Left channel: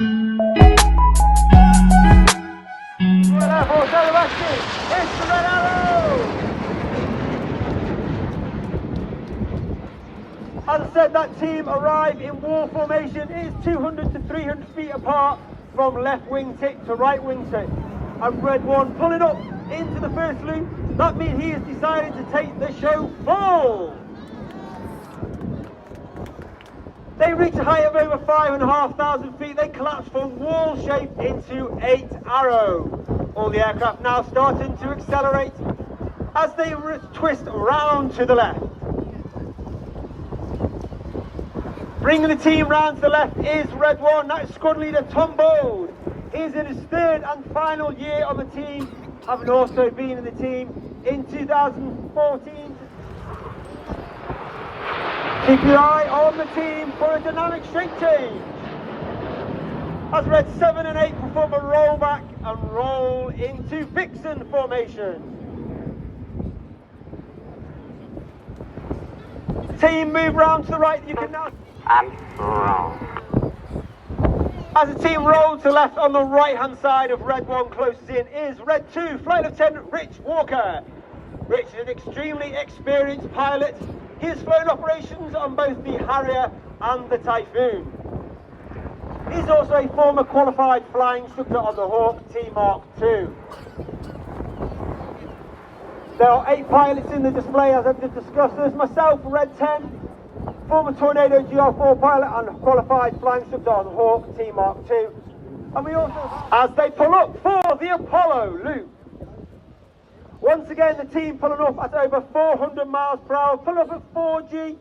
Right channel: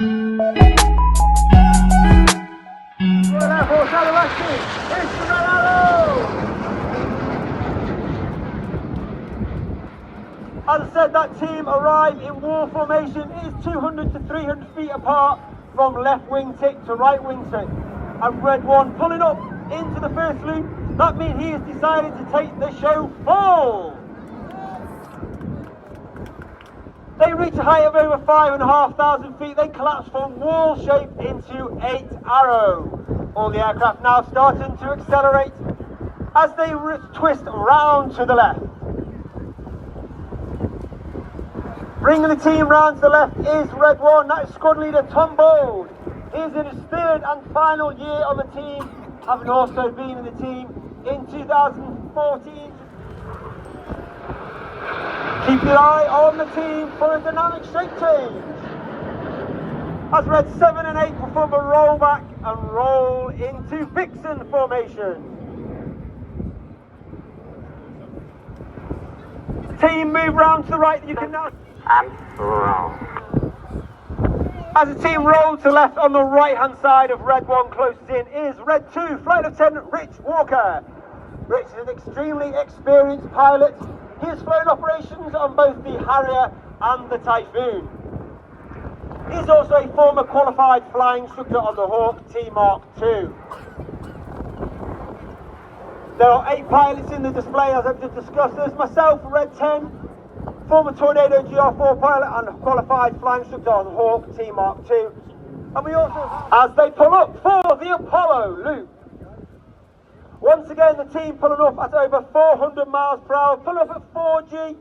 As I said, that team arrived in war formation. It is 200 to 300 feet apart from left wing tick to right wing tick. And Red 1 pulling up into the first loop. That means he has decided to take the show full. They reach a height of over 5,500 feet. They collapse from wall shape into 8 arrow. All the aircraft now starting to accelerate as they twist round to the left. Bringing the team round to the left is Red 1, that is squad leader Tom Bold. He is in his third and final year on the team, having also been in the team in 2014. Keep your eye on the team for a dynamic straight change. As Red 7 and 8 perform a rollback and roll into Vixen formation. The team move round to the right, you can now... And roll. As the team rolls to the left on the right hand side of Red 1 closes in is Red 2 Flight Lieutenant Rich Walker. Rich is an extremely experienced pilot. He has flown operations on both the Harrier and the Typhoon. He's also a former qualified flying instructor on the Hawk T Mark II. There are 8 pilots in the display as I've just discussed. There's myself, Red 10, former Tornado GR4 pilot and a qualified flying instructor on Hawk T Mark II. And we also, as they pull up for the Apollo loop. Once again, the team pulling up at over 400 miles per hour, pulling up at 4G,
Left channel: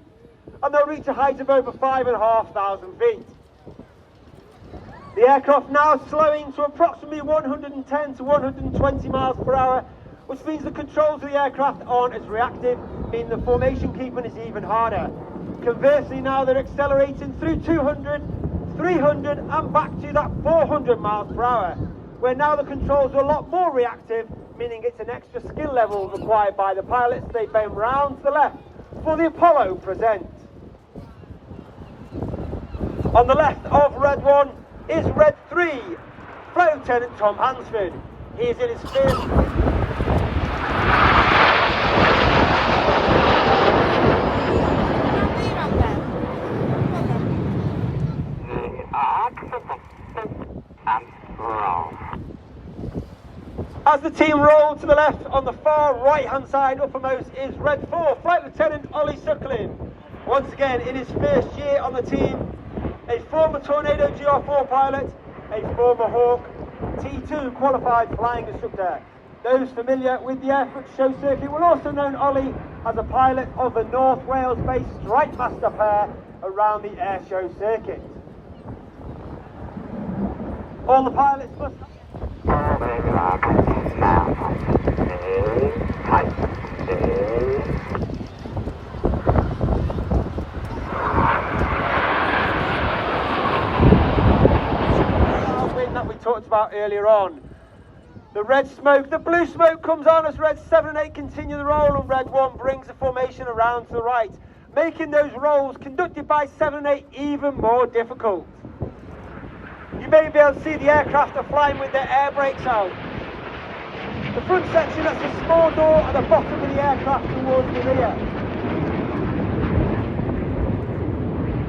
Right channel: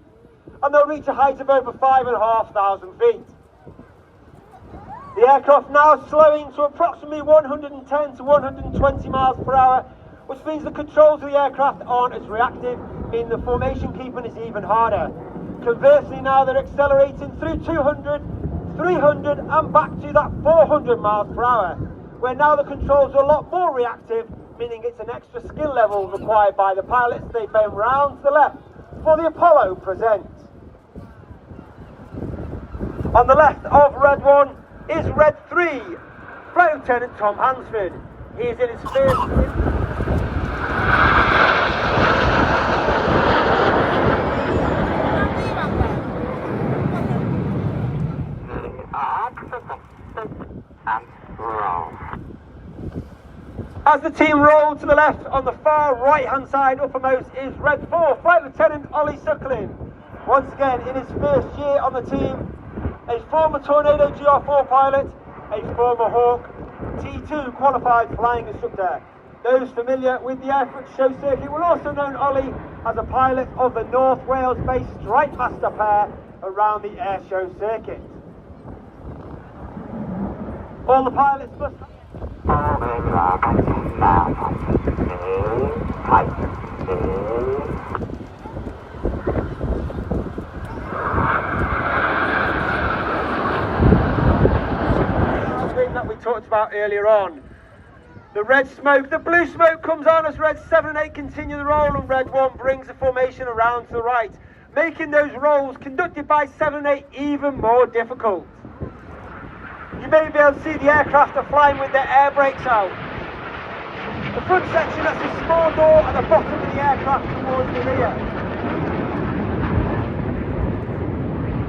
and they'll reach a height of over 5,500 feet. The aircraft now slowing to approximately 110 to 120 miles per hour, which means the controls of the aircraft aren't as reactive, meaning the formation keeping is even harder. Conversely, now they're accelerating through 200, 300 and back to that 400 miles per hour, where now the controls are a lot more reactive, meaning it's an extra skill level required by the pilots. They bend round to the left for the Apollo present. On the left of Red 1 is Red 3, Flight Lieutenant Tom Hansford. He is in his first... As the team roll to the left, on the far right hand side uppermost is Red 4, Flight Lieutenant Ollie Suckling. Once again, in his first year on the team, a former Tornado GR4 pilot, a former Hawk T2 qualified flying instructor. Those familiar with the Airfoot Show circuit will also know Ollie as a pilot of the North Wales based Strike Master pair around the Airshow circuit. All the pilots must... that we talked about earlier on. The red smoke, the blue smoke comes on as Red 7 and 8 continue the roll, and Red 1 brings the formation around to the right, making those rolls conducted by 7 and 8 even more difficult. You may be able to see the aircraft are flying with their air brakes out. The front section has a small door at the bottom of the aircraft towards the rear.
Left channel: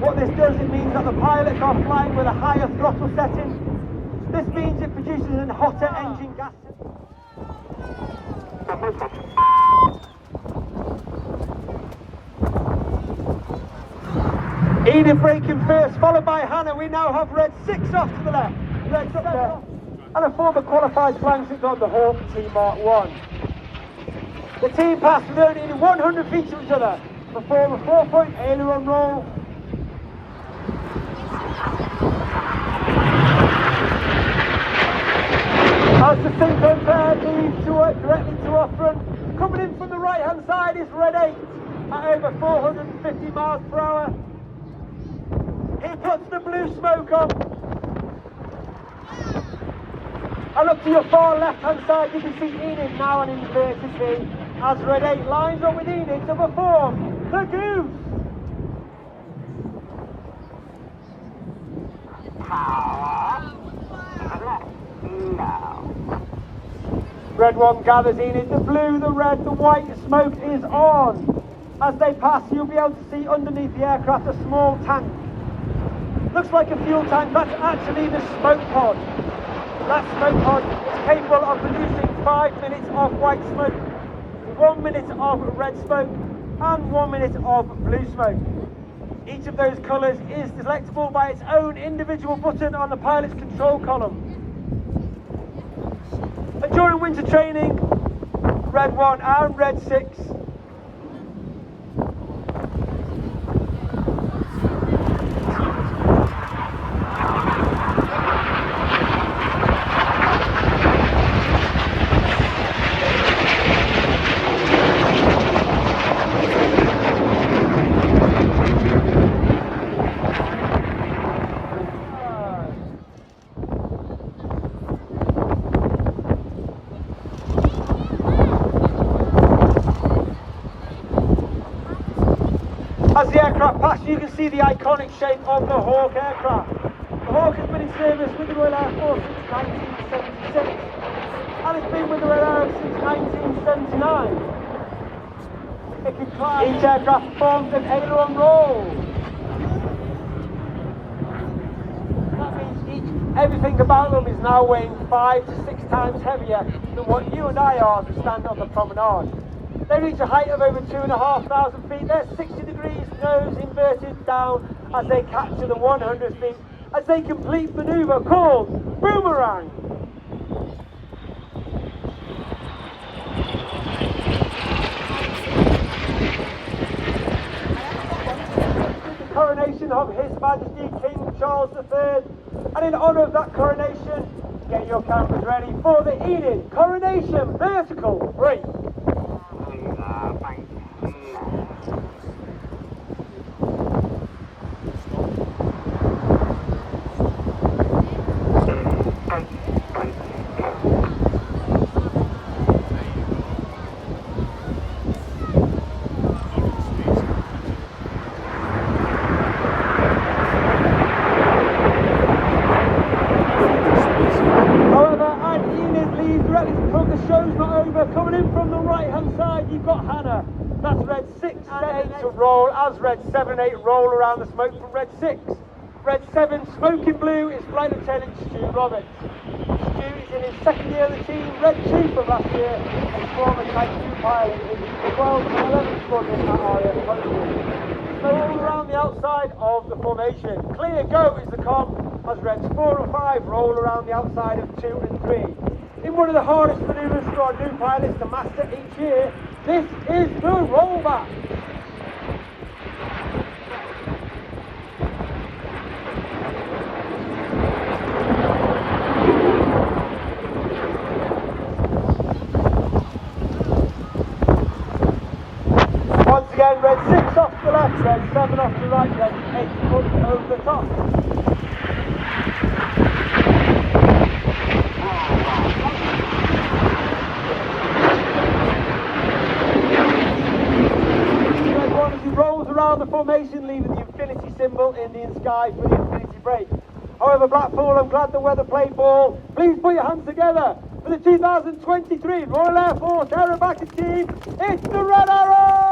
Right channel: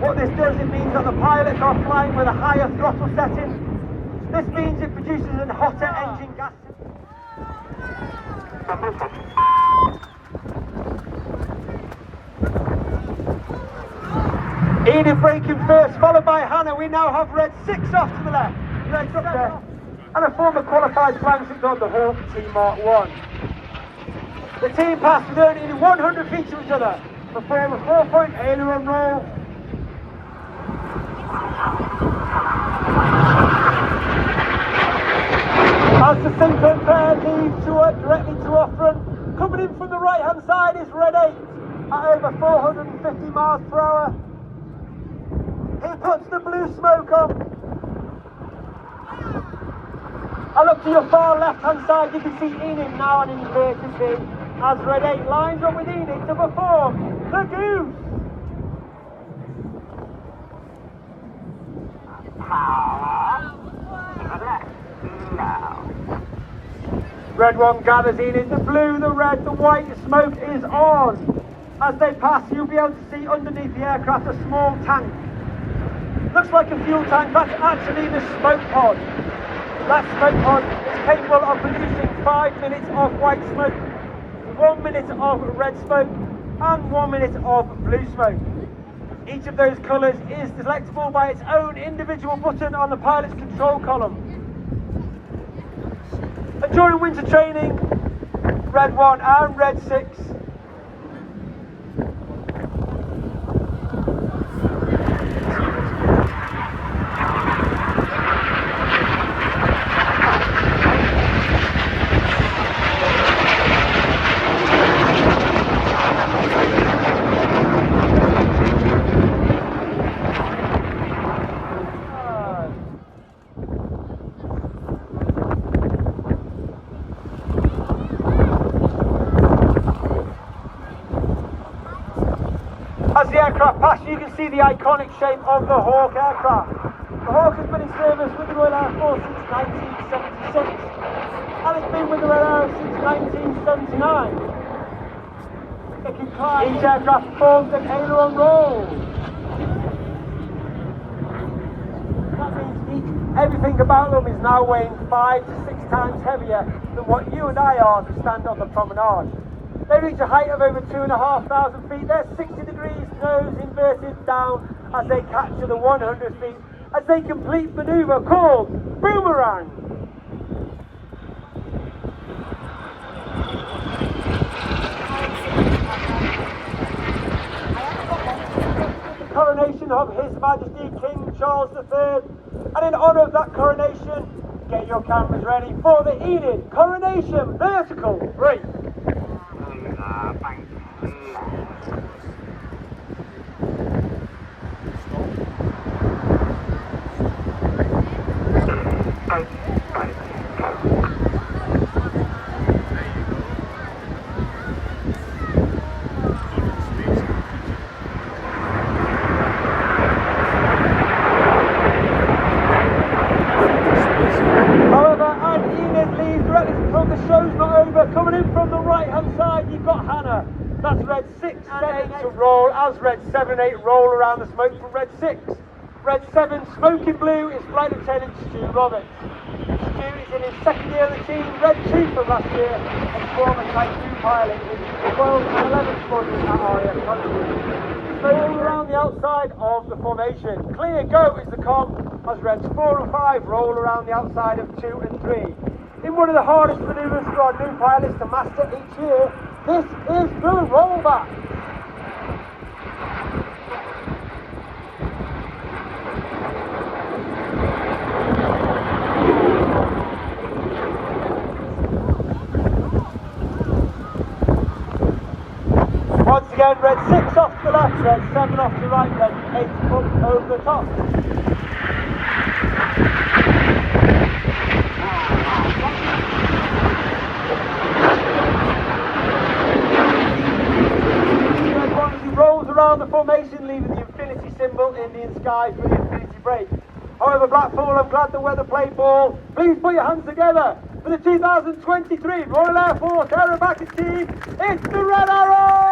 What this does, it means that the pilots are flying with a higher throttle setting. This means it produces a hotter engine gas. Edith braking first, followed by Hannah. We now have Red 6 off to the left. Red 6 and a former qualified flying instructor on the Hawk T Mark I. The team passed nearly 100 feet to each other. Perform a 4-point aileron roll. As the thinking pair leaves directly to off front. Coming in from the right hand side is Red 8 at over 450 miles per hour. He puts the blue smoke on. And up to your far left hand side you can see Enid now in inverted V as Red 8 lines up with Enid to perform the Goose. Red 1 gathers in, it's the blue, the red, the white, the smoke is on. As they pass, you'll be able to see underneath the aircraft a small tank. Looks like a fuel tank, that's actually the smoke pod. That smoke pod is capable of producing 5 minutes of white smoke, 1 minute of red smoke, and 1 minute of blue smoke. Each of those colours is selectable by its own individual button on the pilot's control column. And during winter training, Red 1 and Red 6 As the aircraft pass, you can see the iconic shape of the Hawk aircraft. The Hawk has been in service with the Royal Air Force since 1976, and it's been with the Royal Air since 1979. Each aircraft forms an aileron roll. That means everything about them is now weighing 5 to 6 times heavier than what you and I are to stand on the promenade. They reach a height of over 2,500 feet. They're 60 degrees, nose inverted down as they capture the 100 feet as they complete manoeuvre called boomerang. The coronation of His Majesty King Charles III, and in honour of that coronation, get your cameras ready for the Enid Coronation Vertical Break. As Red 7 and 8 roll around the smoke from Red 6. Red 7, smoking blue, is Flight Lieutenant Stu Roberts. Stu is in his second year of the team, Red 2 from last year, and former Type 2 pilot in the 11th squadron. Smoking around the outside of the formation. Clear go is the com, as Reds 4 and 5 roll around the outside of 2 and 3. In one of the hardest manoeuvres for our new pilots to master each year, this is the rollback. Red 6 off the left, Red 7 off the right, Red 8 up over the top. Red 1 as he rolls around the formation, leaving the infinity symbol in the sky for the infinity break. However, Blackpool, I'm glad the weather played ball. Please put your hands together for the 2023 Royal Air Force Aerobatic Team. It's the Red Arrow!